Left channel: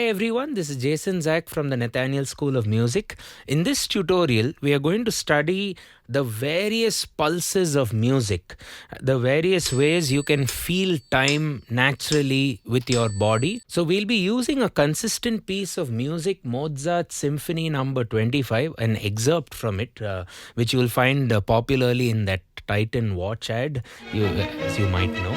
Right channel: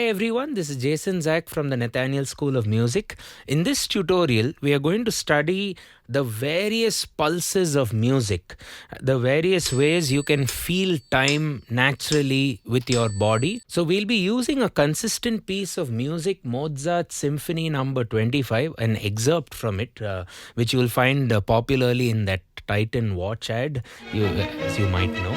Hi everyone, this is Jason Zach from the Nathaniel School of Music. In this tutorial, we are going to study the various pulses of music, the various ways you can feel time naturally with your body. So we'll be using a consistent piece of music, Mozart Symphony number 25, an excerpt from it, which you will find popularly in that Titan watch ad, as you might know.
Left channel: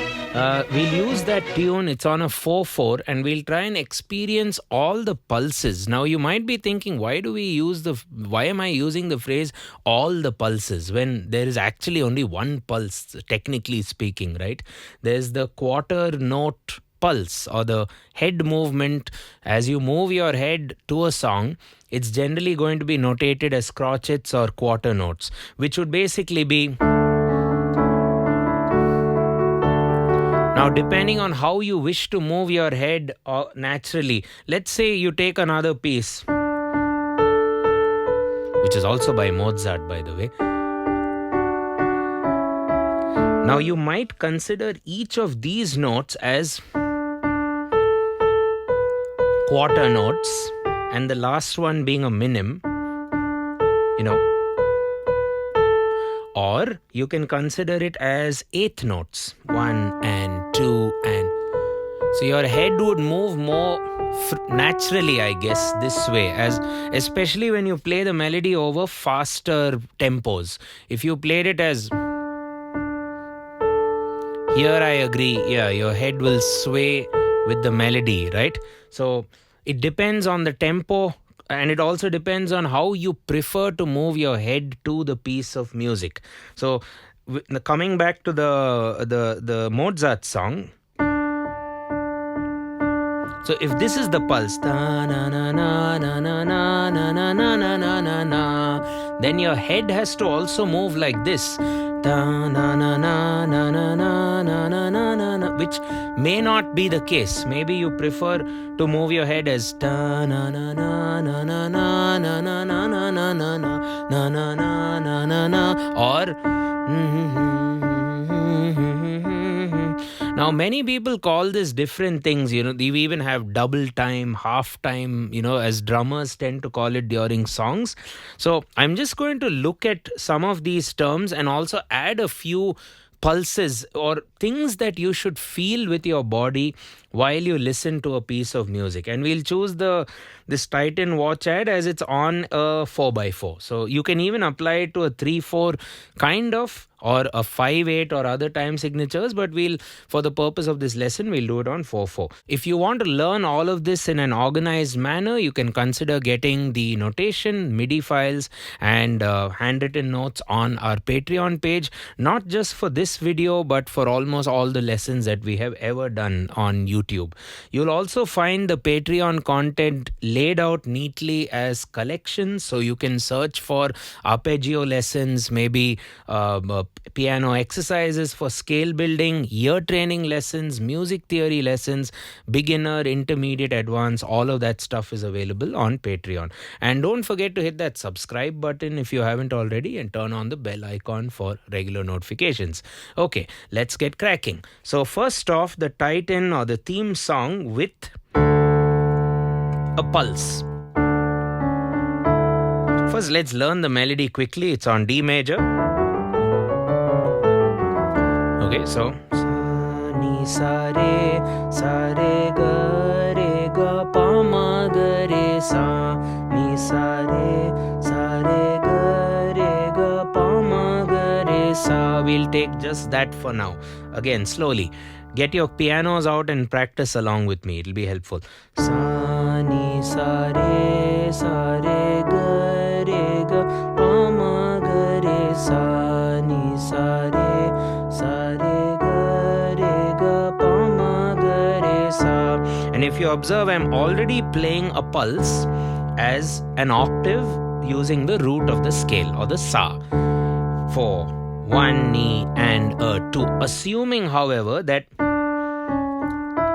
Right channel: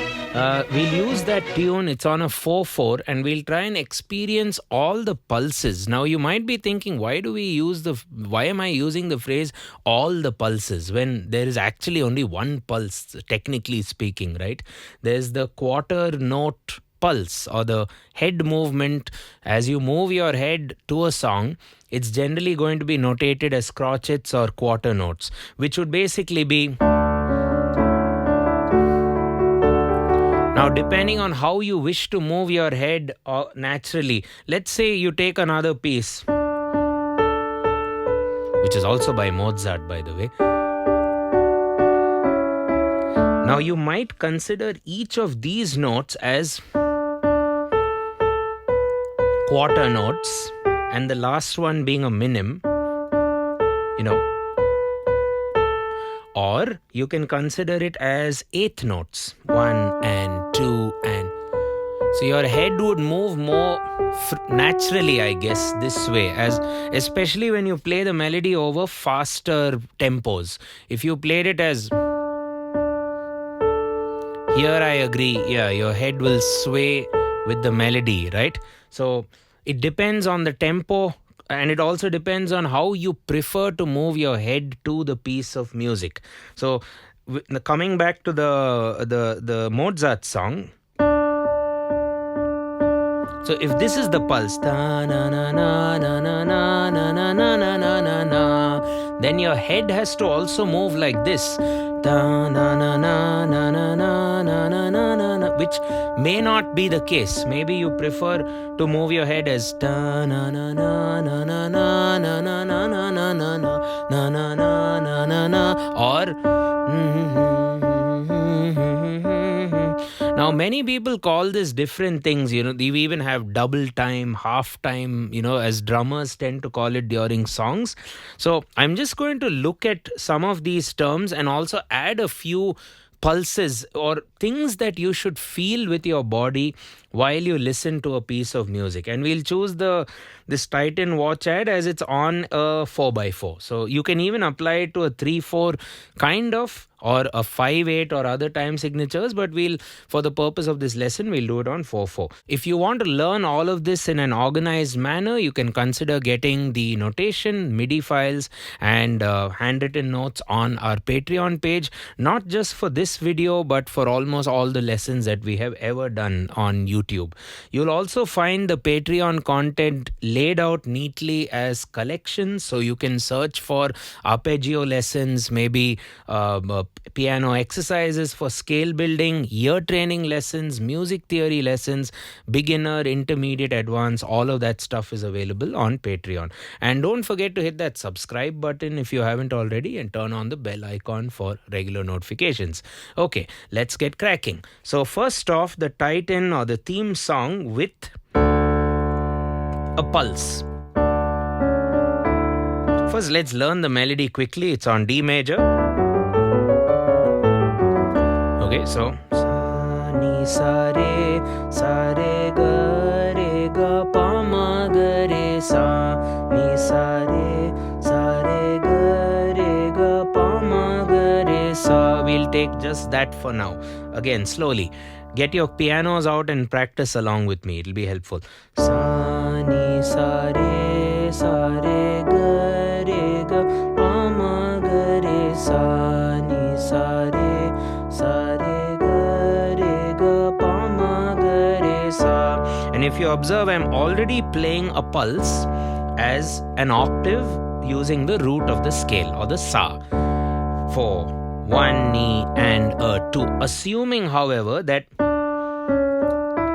We'll use that tune. It's on a 4/4, and we'll try and experience all the pulses. Now, you might be thinking, why am I using the phrase all the pulses when there is actually only one pulse, technically speaking, right? There's the quarter note pulse or the head movement. As you move your head to a song, it's generally going to be notated as crotchets or quarter notes, which would basically be. Now, depending on how you wish to move your head naturally, let's say you take another piece, which is also by Mozart, by the way. Now, you might consider each of these notes as quarter notes, and the last one being a minim, or you can consider it as eighth notes, 1 and 2 and. So your head would move more naturally, I guess, this way, especially when you play the melody over faster tempos. If you played it as. Here I agree, your head will sway with the melody, right? So it depends on the tempo. And it also depends on how you prefer to move your head to the piece of music. So, coming back to the Mozart song. So, if this is the pulse, then your head has to also move like this, which may not be the case. Maybe you prefer to move your head as or. Now, many people call this different things. We even have double time, half time, as drummers tend to call it during songs. So I'm just going to look at some of these terms and also add a few pulses or things that you should feel with your body while you listen to a piece of music. And we'll choose this Titan watch ad as it's on a 4x4. So you can even apply it to a 3/4 kind of, or a 5/8 or other time signatures, but for the purpose of this lesson, we'll do it on 4/4. If you want to learn all of this in an organized manner, you can consider getting the notation, MIDI files, and handwritten notes on our Patreon page, not just for this video, but for almost all the lessons that we have ever done on YouTube. You'll also find the Patreon content laid out neatly as collections, so you can search for arpeggio lessons, maybe piano exercises for scale building, ear training lessons, music theory lessons, beginner, intermediate, advanced. All of that stuff is available on Patreon. And don't forget to hit that subscribe button if you haven't already, and turn on the bell icon for regular notifications. Okay, let's get cracking. So first off, the Titan or the theme song with a pulse. First, let's learn the melody quickly. It's on D major. Okay, so sa ni sa re ga pa ma ga re sa ni sa re ga pa ma ga re sa. We'll take just that for now. Again, slowly. Get your pianos out and practice along with me. It'll be helpful. Sa ni sa re ga pa ma ga re sa ni sa re ga pa ma ga re sa. And if you observe, I'm already playing a pulse as an octave using the root of the scale or the sa for 1 ni and a 2. Assuming, however, that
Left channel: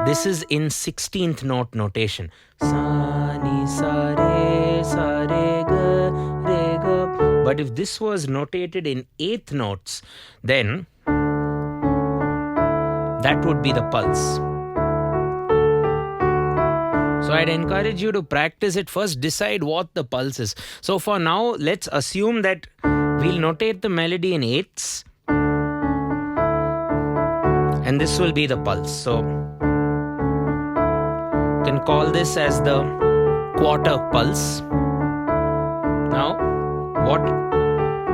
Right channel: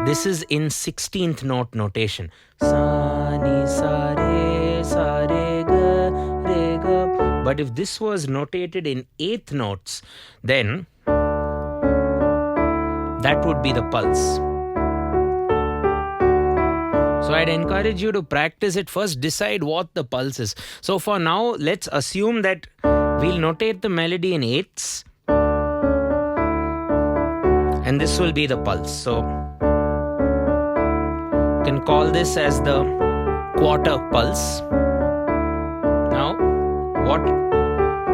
this is in 16th note notation. Sa ni sa re ga. But if this was notated in 8th notes, then that would be the pulse. So I'd encourage you to practice it first, decide what the pulse is. So for now, let's assume that we'll notate the melody in eighths. And this will be the pulse. So you can call this as the quarter pulse. Now, what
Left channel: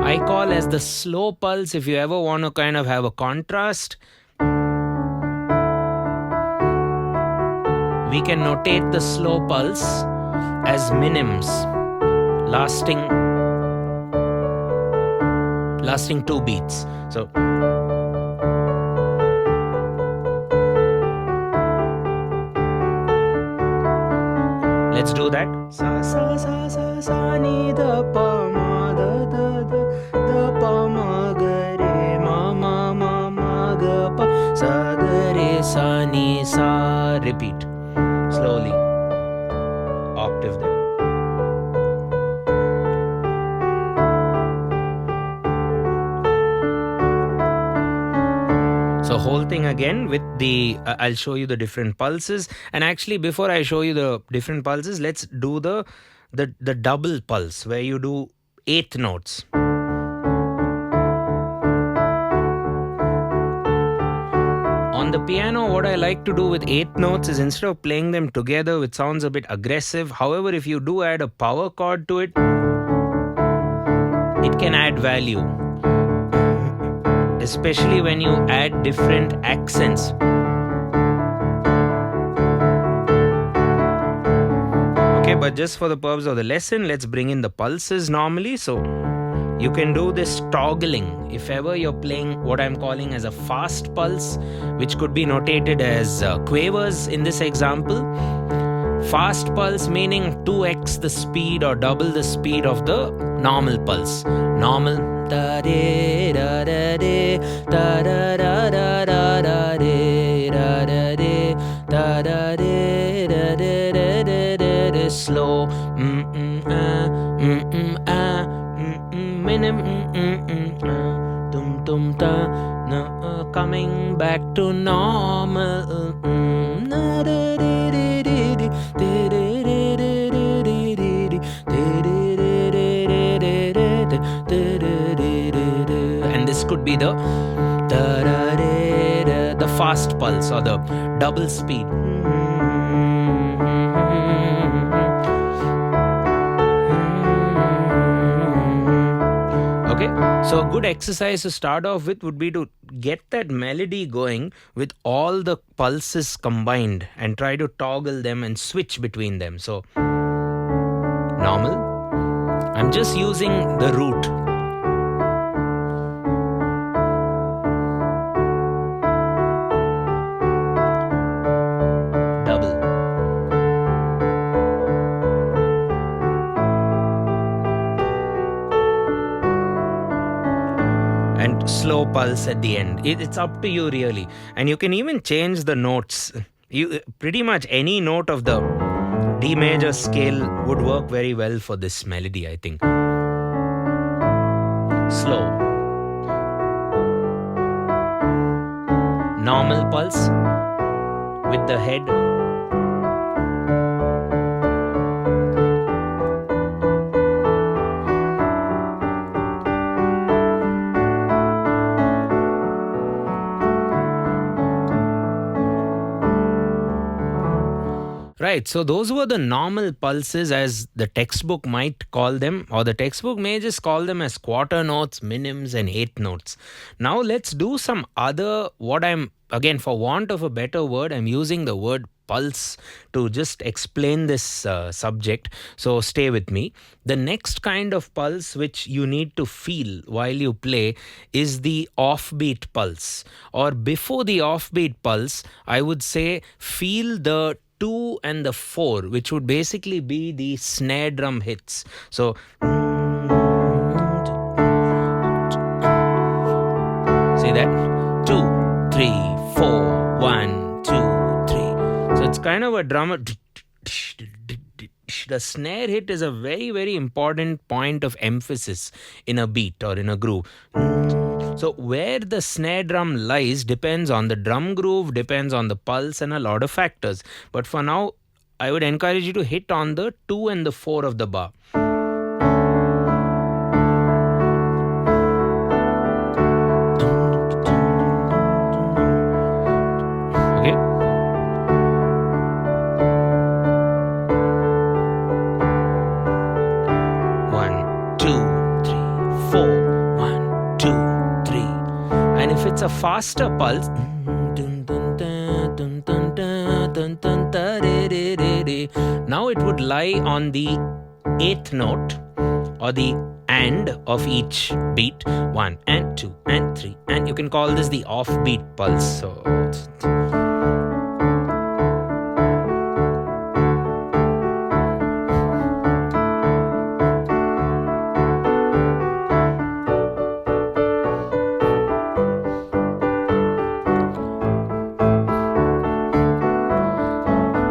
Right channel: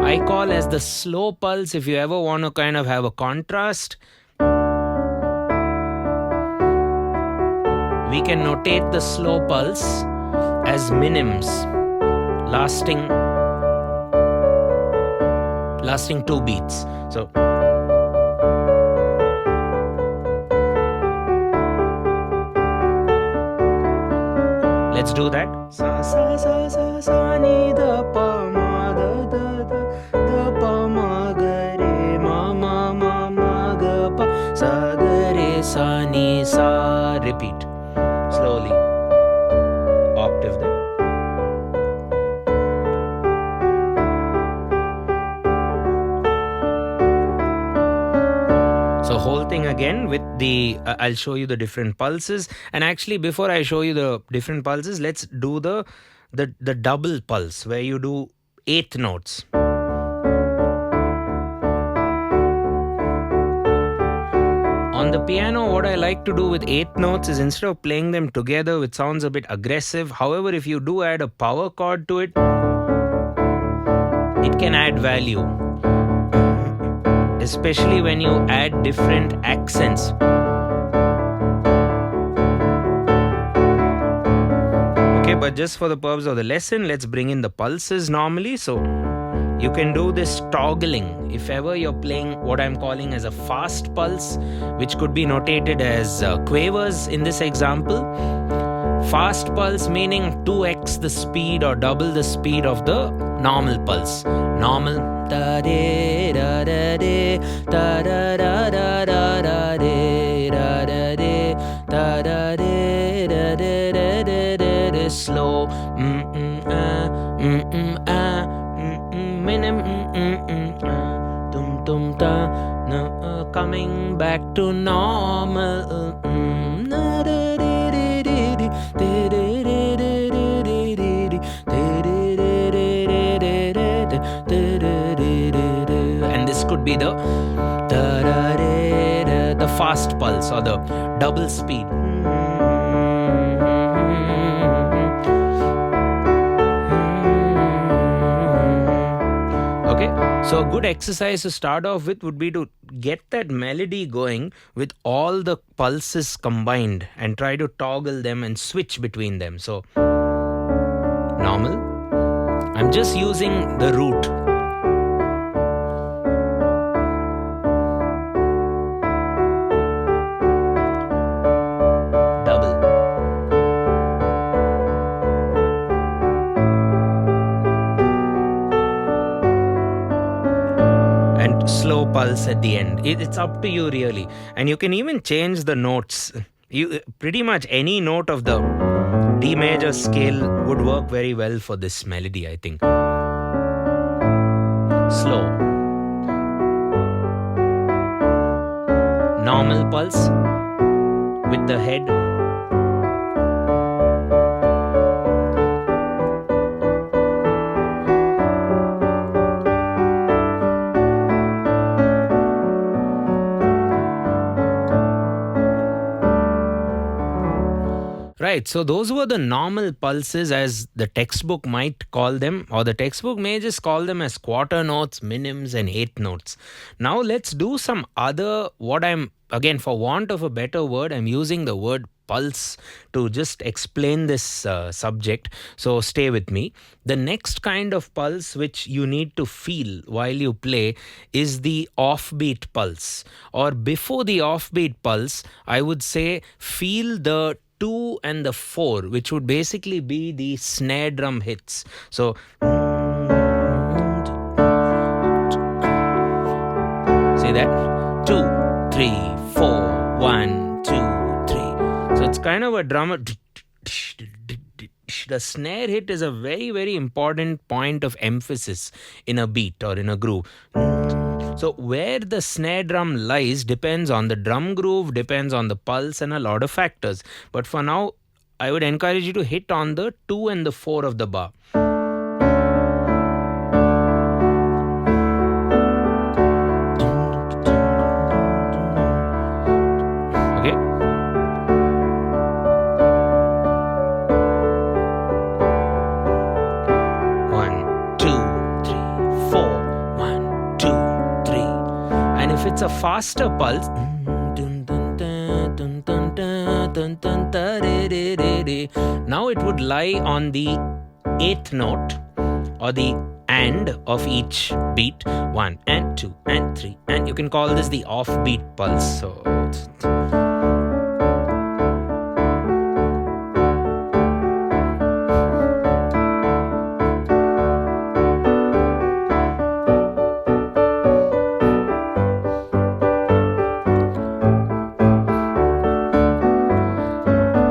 I call as the slow pulse, if you ever want to kind of have a contrast, we can notate the slow pulse as minims, lasting 2 beats. So let's do that. Sa sa sa sa sa ni da pa ma da pa ma ga re ma ma ma ma ga pa sa ga re sa ni sa. Repeat slowly, octave there. So whole thing again with the, I'll show you the different pulses. And actually before I show you the different pulses, let's do the double pulse where you do 8 notes. On the piano, what I like to do with 8 notes is instead of playing them together, which sounds a bit aggressive. However, if you do add a power chord to it, it can add value. Especially when you add different accents. Okay, but just for the purpose of the lesson, let's bring in the pulses normally. So you can do this toggling if ever you're playing what I'm calling as a fast pulse, which could be notated as quavers in this example. Fast pulse meaning 2x the speed or double the speed of the normal pulse. Normal da de da da de da da da da da da de da da de da da de da da da da da. Slow minim tum tum ta coming back to normal. And this could be the fast pulse or the double speed. Okay, so a good exercise to start off with would be to get that melody going with all the pulses combined and try to toggle them and switch between them. So normal, I'm just using the root. Double. And slow pulse at the end. It's up to you really. And you can even change the notes. You pretty much any note of the D major scale would work very well for this melody, I think. Slow. Normal pulse with the head. Right, so those were the normal pulses as the textbook might call them, or the textbook may just call them as quarter notes, minims and 8 notes. Now let's do some other, again for want of a better word, I'm using the word pulse to just explain this subject. So stay with me. The next kind of pulse which you need to feel while you play is the offbeat pulse. Or before the offbeat pulse, I would say feel the 2 and the 4, which would basically be the snare drum hits. So say that 2, 3, 4, 1, 2, 3. So it's kind of a drummer. The snare hit is a very, very important point of emphasis in a beat or in a groove. So where the snare drum lies depends on the drum groove, depends on the pulse and a lot of factors. But for now, I would encourage you to hit on the 2 and the 4 of the bar. Okay. One, two, three, four. 1, 2, 3. And if it's a faster pulse, now it would lie on the 8th note or the and of each beat. 1 and 2 and 3, and you can call this the offbeat pulse. So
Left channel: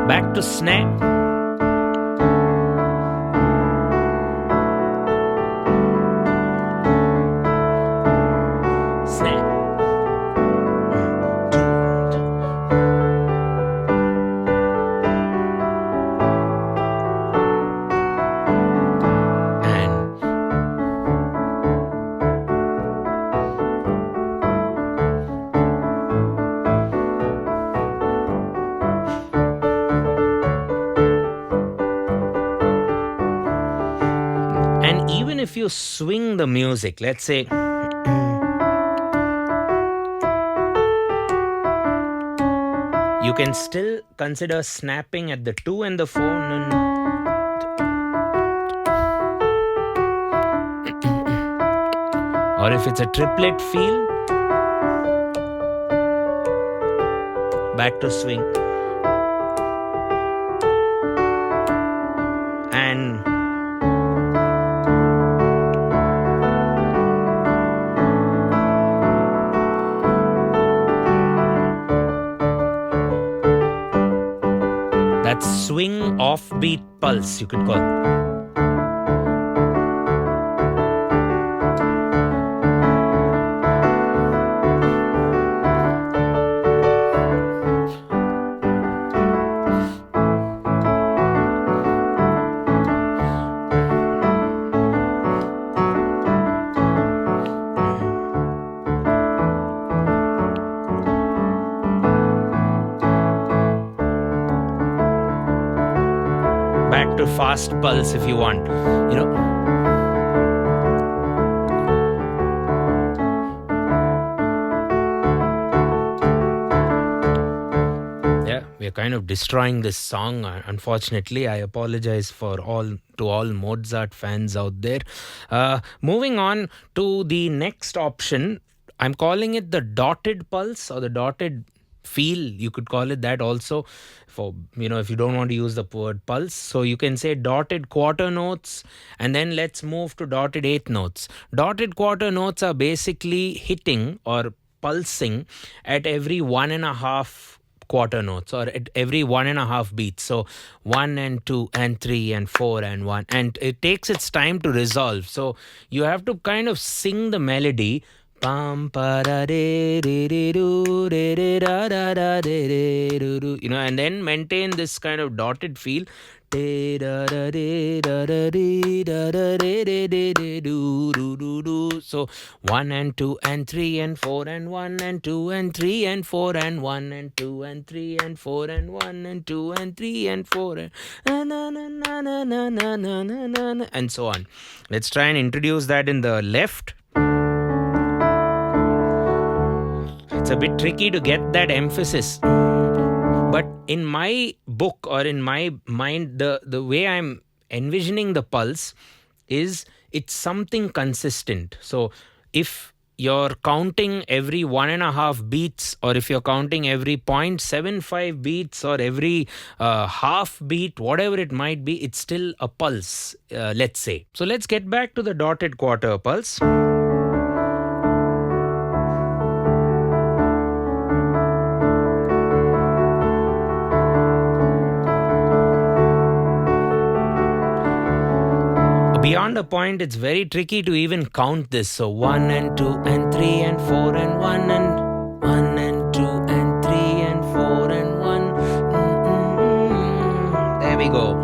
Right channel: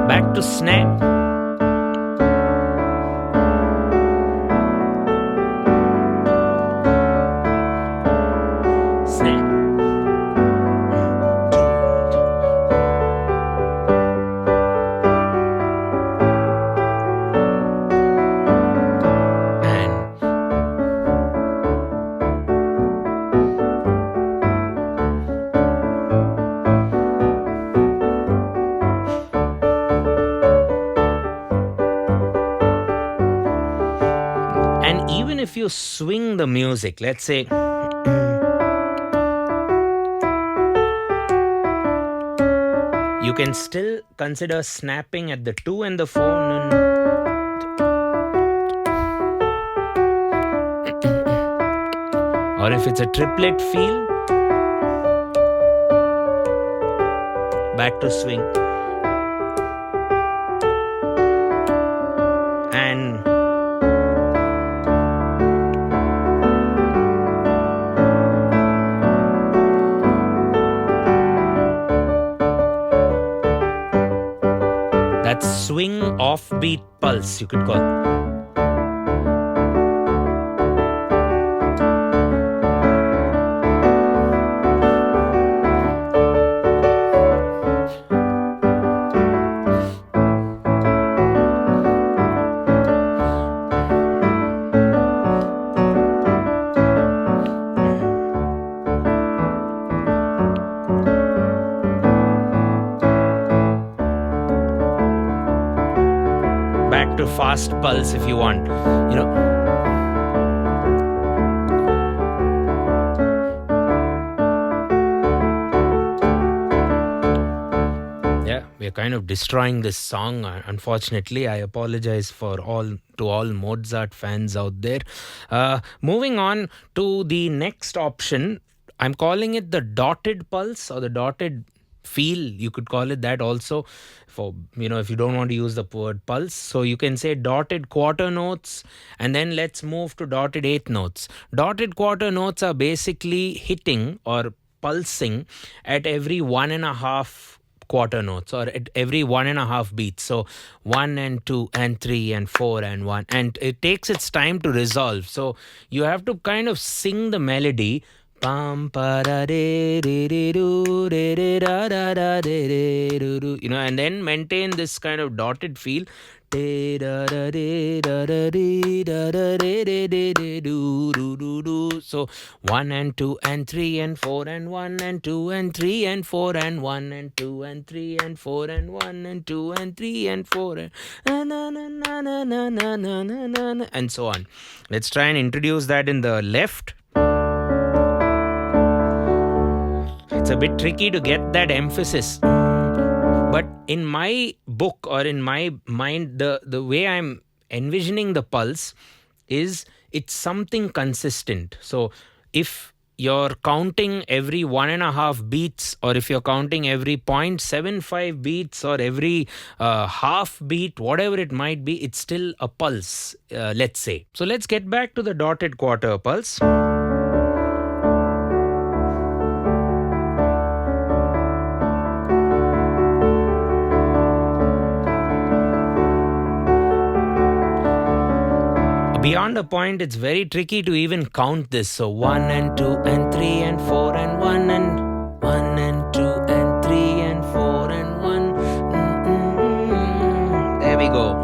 back to snare. Snare. And even if you swing the music, let's say you can still consider snapping at the 2 and the 4. Or if it's a triplet feel, back to swing. And that's swing offbeat pulse, you could call it. Back to fast pulse if you want, you know. Yeah, we're kind of destroying this song. Unfortunately, I apologize to all Mozart fans out there. Moving on to the next option, I'm calling it the dotted pulse or the dotted feel. You could call it that also, for if you don't want to use the word pulse. So you can say dotted quarter notes, and then let's move to dotted eighth notes. Dotted quarter notes are basically hitting or pulsing at every 1.5 quarter notes, or at every 1.5 beats. So 1 and 2 and 3 and 4 and 1, and it takes its time to resolve. So you have to kind of sing the melody, and then maintain this kind of dotted feel. So 1 and 2 and 3 and 4 and 1 and 2 and 3 and 4 and 1 and 2 and 3 and 4 and 1 and 2 and 3 and 4 and so on. Let's try and introduce that in the left. It's a bit tricky to get that emphasis. But in my book, or in my mind, the way I'm envisioning the pulse is it's something consistent. So if you're counting every 1.5 beats, or if you're counting every 0.75 beats, or every half beat, whatever it might be, it's still a pulse, let's say. So let's get back to the dotted quarter pulse. Beyond a point, it's very tricky to even count this. So 1 and 2 and 3 and 4 and 1 and 1 and 2 and 3 and 4 and 1. we go.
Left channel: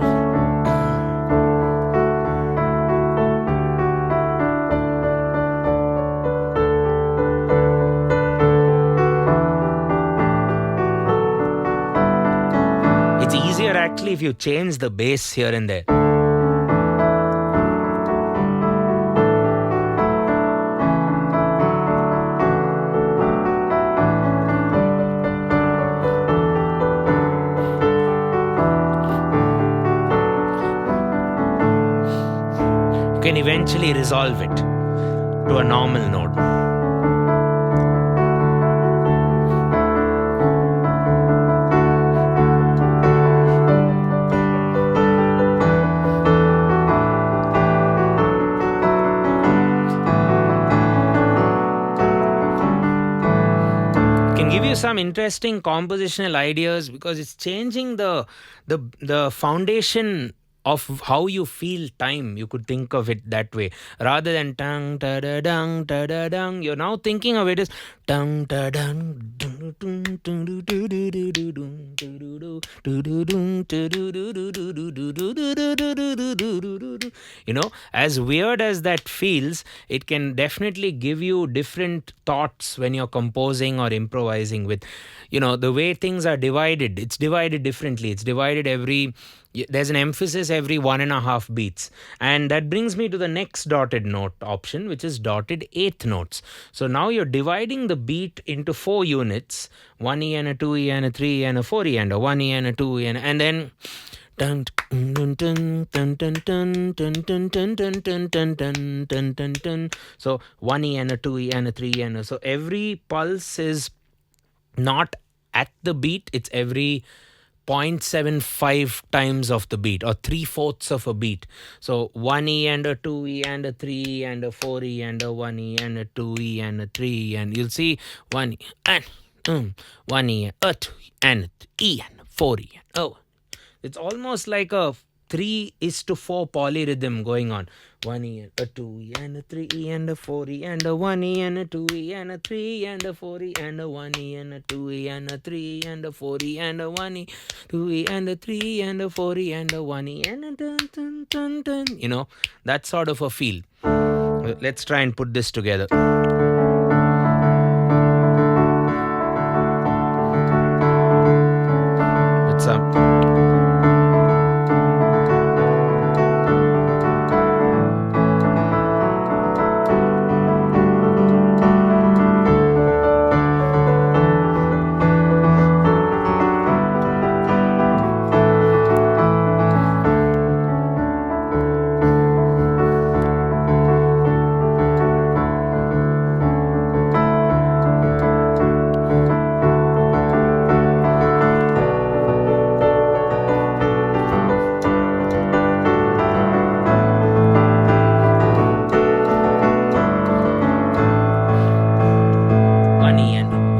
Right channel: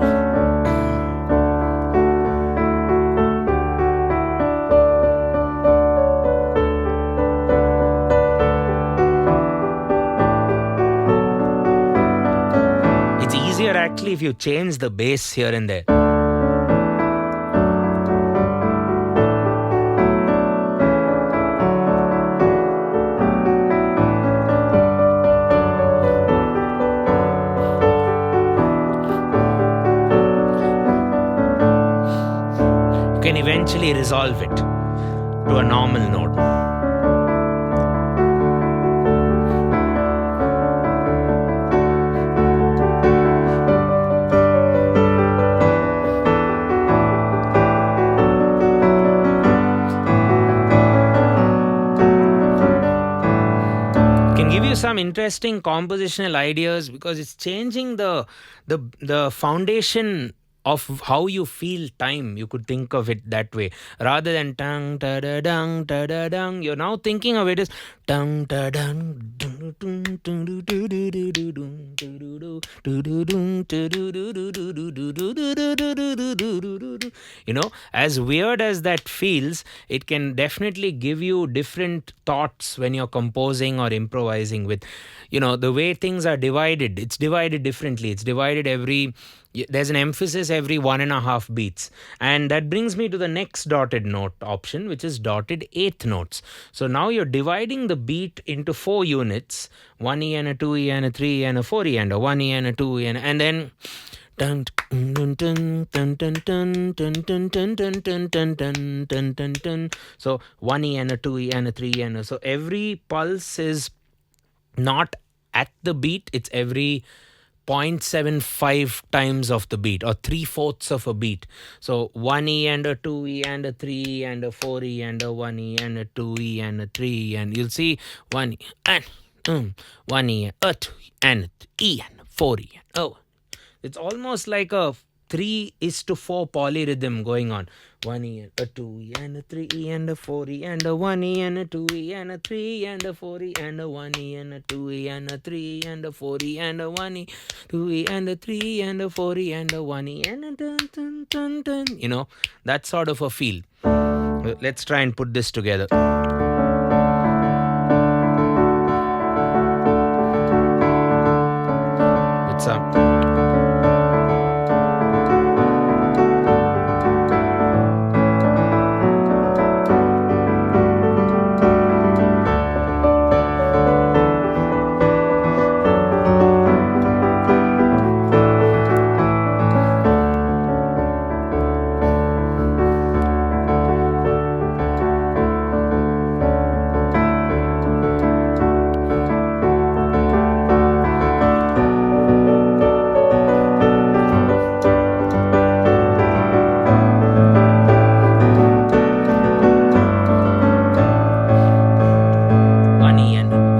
It's easier actually if you change the bass here and there. You can eventually resolve it to a normal note. Can give you some interesting compositional ideas because it's changing the foundation of how you feel time. You could think of it that way rather than tang ta da dang ta da dang. You're now thinking of it as tang ta dang. You know, as weird as that feels, it can definitely give you different thoughts when you're composing or improvising with, you know, the way things are divided. It's divided differently. It's divided there's an emphasis every 1.5 beats. And that brings me to the next dotted note option, which is dotted eighth notes. So now you're dividing the beat into 4 units, 1E and a 2E and a 3E and a 4E and a 1E and a 2E and then dun dun dun dun dun dun dun dun dun dun dun dun dun dun dun dun. So 1E and a 2E and a 3E and a, so every pulse is not at the beat, it's every 0.75 times of the beat or 3/4 of a beat. So 1E and a 2E and a 3E and a 4E and a 1E and a 2E and a 3E, and you'll see 1E and 1E and a 2E and a 3E and a 4E. Oh, it's almost like a 3:4 polyrhythm going on. 1E and a 2E and a 3E and a 4E and a 1E and a 2E and a 3E and a 4E and a 1E and a 2E and a 3E and a 4E and a 1E, 2E and a 3E and a 4E and a 1E and a dun dun dun dun. You know, that sort of a feel. Let's try and put this together. With some.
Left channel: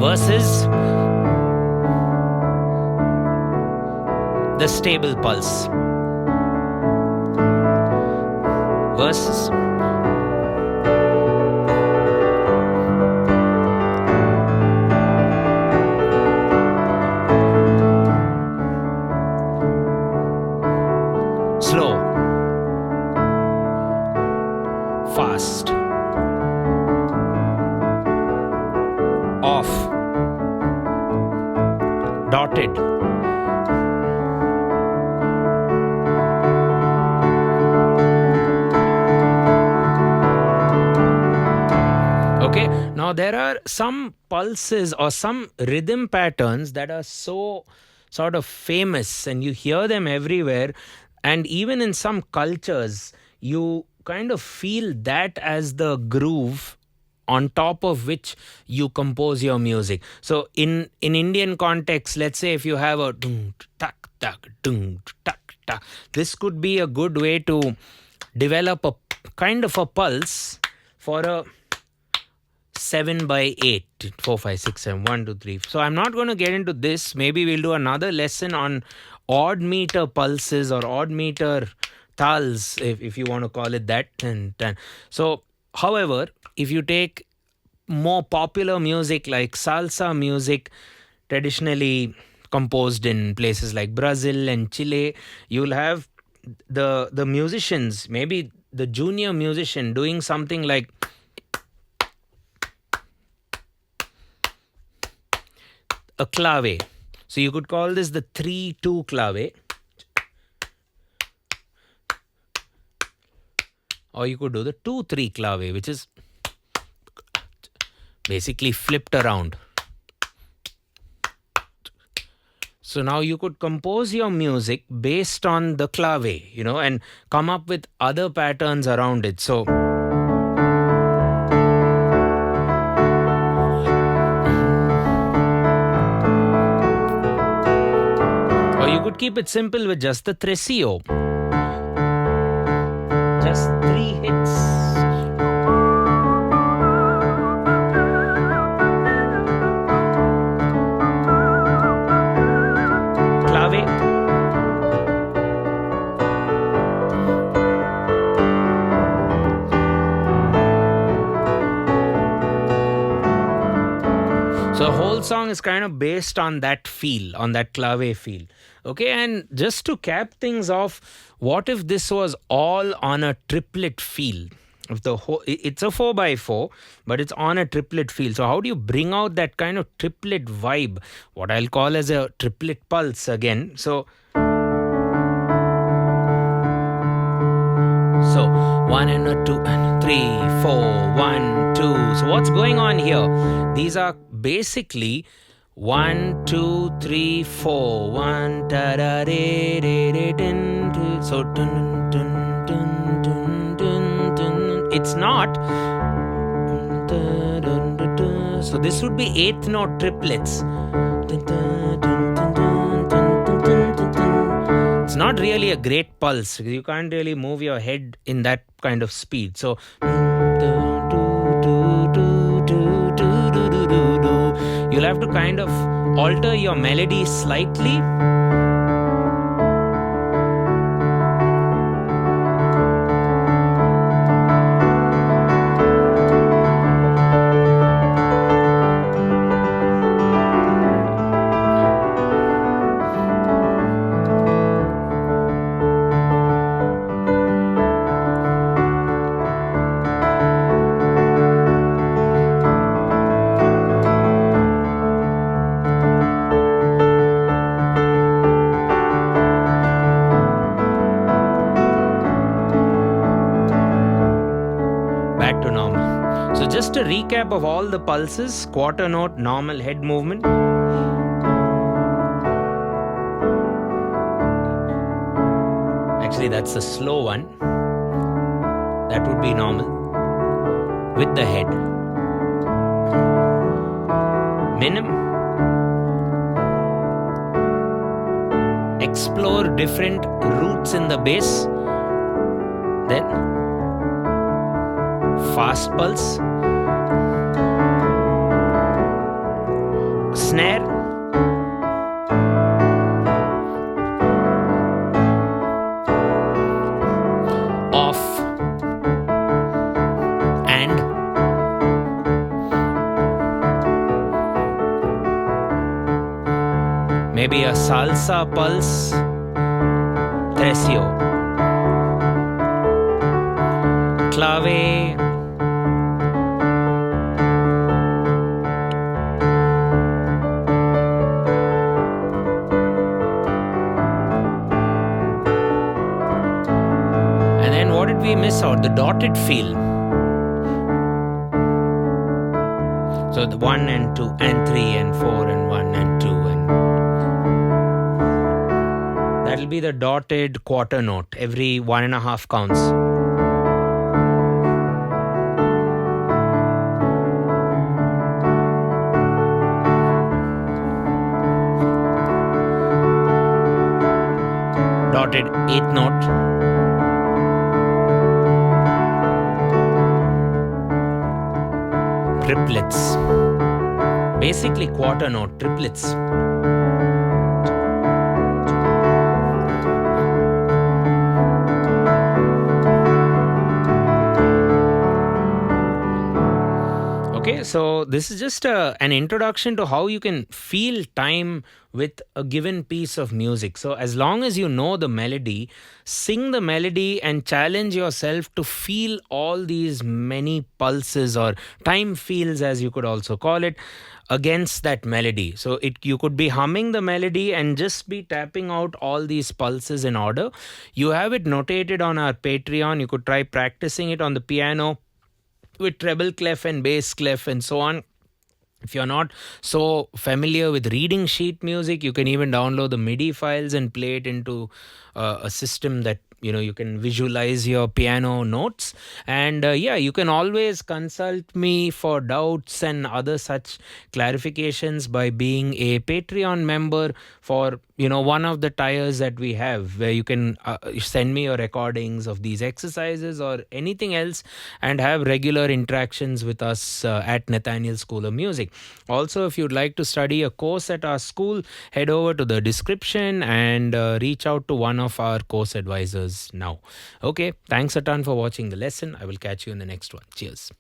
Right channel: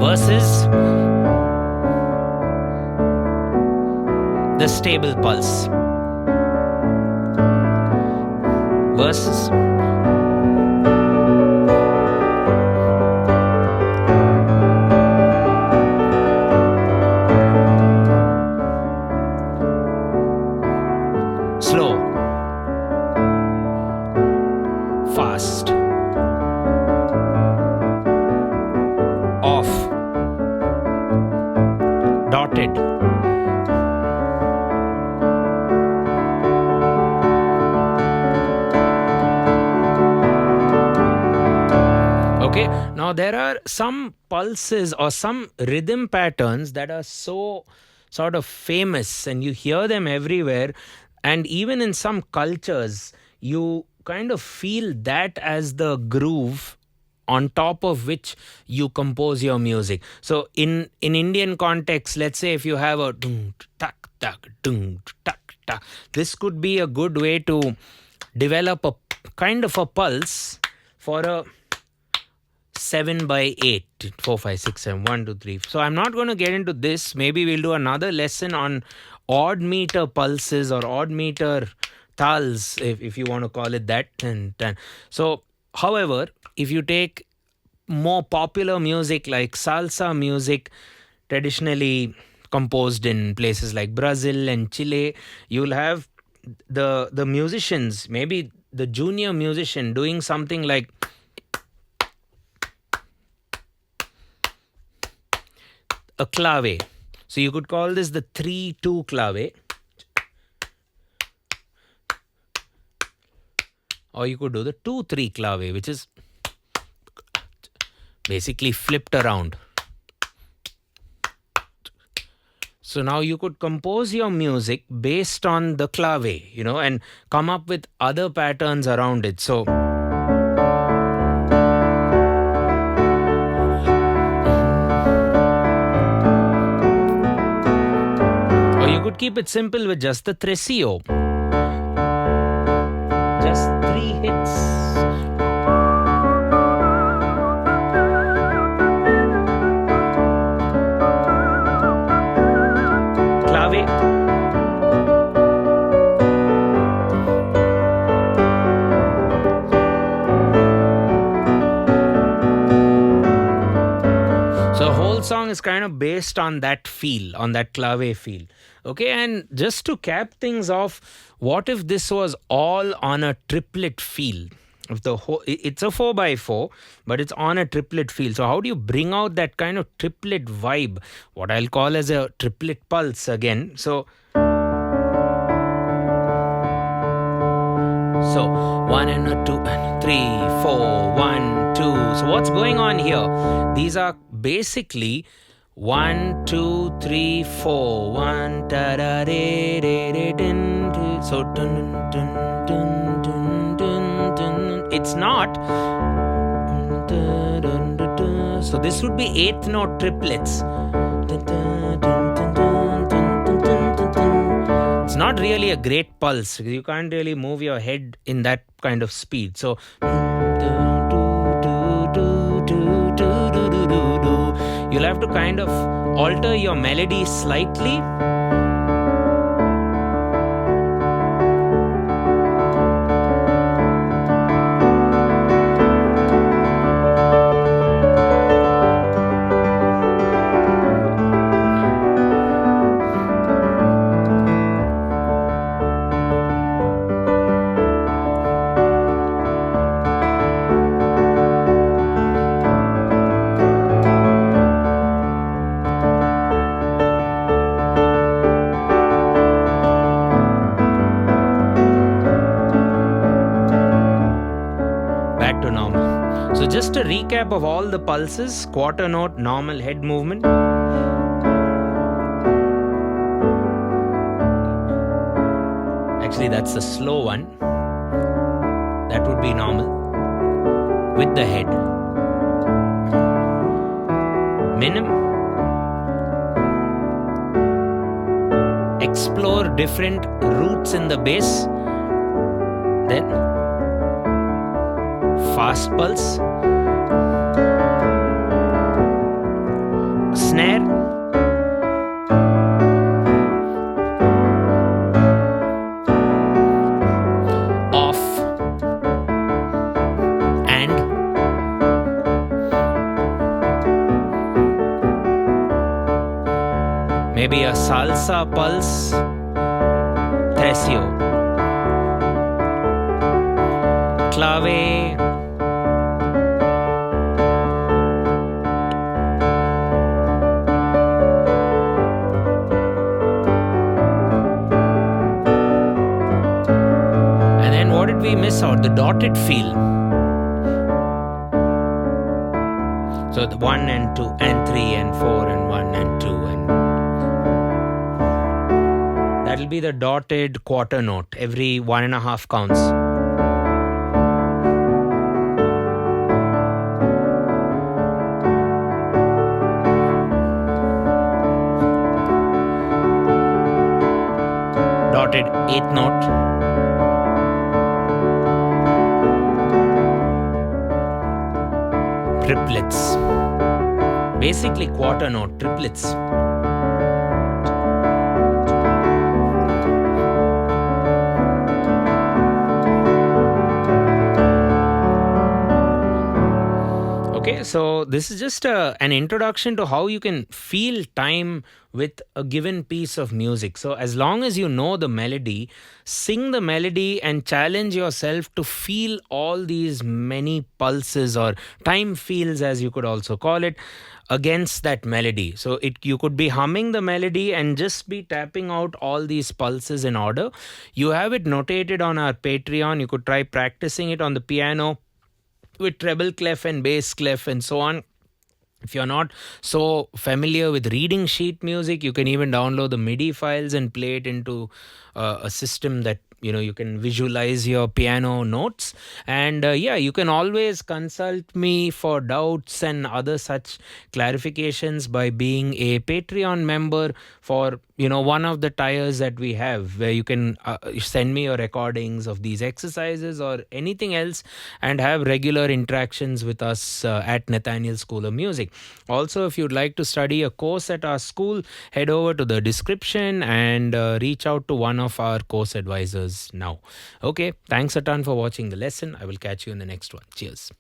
Versus the stable pulse. Versus slow, fast, off, dotted, okay. Now there are some pulses or some rhythm patterns that are so sort of famous and you hear them everywhere, and even in some cultures you kind of feel that as the groove on top of which you compose your music. So in Indian context, let's say if you have a dung tak tak dung tak tak, this could be a good way to develop a kind of a pulse for a 7/8, 4, 5, 6, 7, 1, 2, 3. So I'm not going to get into this. Maybe we'll do another lesson on odd meter pulses or odd meter tals, if you want to call it that. So, however, if you take more popular music like salsa music, traditionally composed in places like Brazil and Chile. You'll have the musicians, maybe the junior musician, doing something like a clave. So you could call this the 3-2 clave. Or you could do the 2-3 clave, which is basically flipped around. So now you could compose your music based on the clave, and come up with other patterns around it. So or you could keep it simple with just the Tresillo. Just 3 hits. Clave. So the whole song is kind of based on that feel, on that clave feel. Okay, and just to cap things off, what if this was all on a triplet feel? If it's a 4x4, but it's on a triplet feel. So how do you bring out that kind of triplet vibe? What I'll call as a triplet pulse again. So 1 and a 2 and 3, 4, 1, 2. So what's going on here? These are basically 1, 2, 3, 4. 1 da da de de de din. So dun dun dun dun dun dun. It's not. So this would be 8th note triplets. It's not really a great pulse. You can't really move your head in that kind of speed. So you'll have to kind of alter your melody slightly. Back to normal. So just a recap of all the pulses: quarter note, normal head movement. Actually, that's the slow one. That would be normal with the head. Minim. Explore different roots in the bass. Then fast pulse. Snare. Off. And maybe a salsa pulse. Tresillo. Clave. And then what did we miss out? The dotted feel. So the 1 and 2 and 3 and 4 and 1 and 2 and that'll be the dotted quarter note. Every 1.5 counts. Dotted 8th note. Triplets. Basically quarter note triplets. Okay, so this is just an introduction to how you can feel time with a given piece of music. So, as long as you know the melody, sing the melody and challenge yourself to feel all these many pulses or time feels, as you could also call it, against that melody. So, it you could be humming the melody and just be tapping out all these pulses in order. You have it notated on our Patreon. You could try practicing it on the piano with treble clef and bass clef and so on. If you're not so familiar with reading sheet music, you can even download the MIDI files and play it into a system that you can visualize your piano notes. And yeah, you can always consult me for doubts and other such clarifications by being a Patreon member for one of the tiers that we have, where you can send me your recordings of these exercises or anything else and have regular interactions with us at Nathaniel School of Music. Also, if you'd like to study a course at our school, head over to the description and reach out to one of our course advisors now. Okay, thanks a ton for watching the lesson. I will catch you in the next one. Cheers.